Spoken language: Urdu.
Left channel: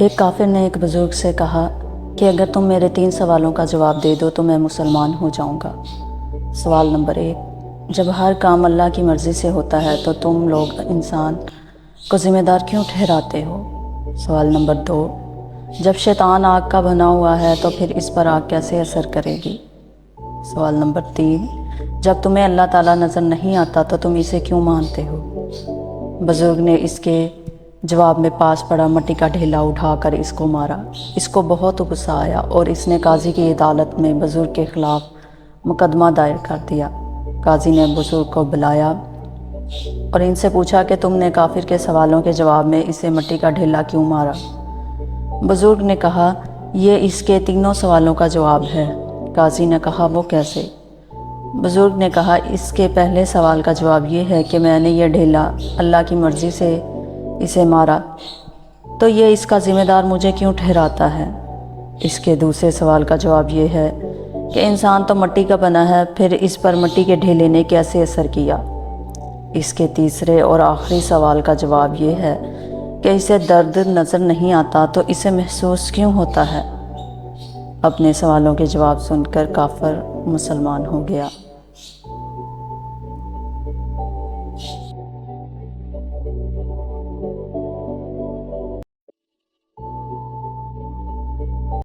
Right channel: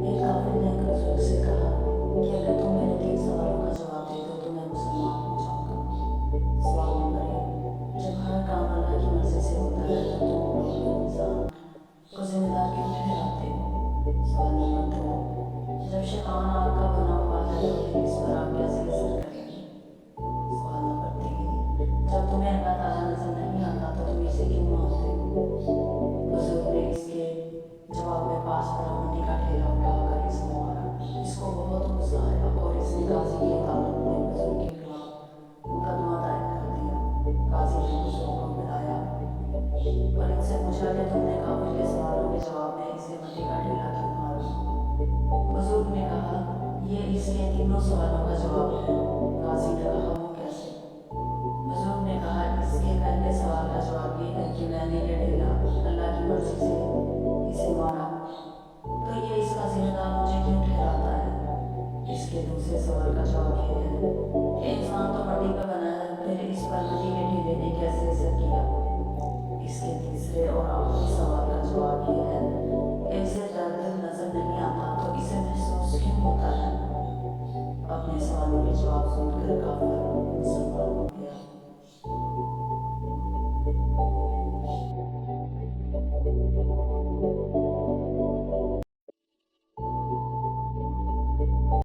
ایک کافر نے ایک بزرگ سے کہا کہ اگر تم میرے 3 سوالوں کا جواب دے دو تو میں مسلمان ہو جاؤں گا۔ سوال نمبر 1، جب ہر کام اللہ کی مرضی سے ہوتا ہے تو تم لوگ انسان کو ذمہ دار کیوں ٹھہراتے ہو؟ سوال نمبر 2، جب شیطان آگ کا بنا ہوا ہے تو پھر اس پر آگ کیسے اثر کرے گی؟ سوال نمبر 3، جب تمہیں اللہ تعالیٰ نظر نہیں آتا تو تم اسے کیوں مانتے ہو؟ بزرگ نے اس کے جواب میں پاس پڑا مٹی کا ڈھیلا اٹھا کر اس کو مارا۔ اس کو بہت غصہ آیا اور اس نے قاضی کی عدالت میں بزرگ کے خلاف مقدمہ دائر کر دیا۔ قاضی نے بزرگ کو بلایا اور ان سے پوچھا کہ تم نے کافر کے سوالوں کے جواب میں اسے مٹی کا ڈھیلا کیوں مارا؟ بزرگ نے کہا، یہ اس کے تینوں سوالوں کا جواب ہے۔ قاضی نے کہا، وہ کیسے؟ بزرگ نے کہا، اس کے پہلے سوال کا جواب یہ ہے کہ میں نے یہ ڈھیلا اللہ کی مرضی سے اسے مارا تو یہ اس کا ذمہ دار مجھے کیوں ٹھہراتا ہے؟ اس کے دوسرے سوال کا جواب یہ ہے کہ انسان تو مٹی کا بنا ہے، پھر اس پر مٹی کے ڈھیلے نے کیسے اثر کیا؟ اس کے تیسرے اور آخری سوال کا جواب یہ ہے کہ اسے درد نظر نہیں آتا تو اسے محسوس کیوں ہوتا ہے؟ اپنے سوالوں کے جواب سن کر کافر مسلمان ہو گیا۔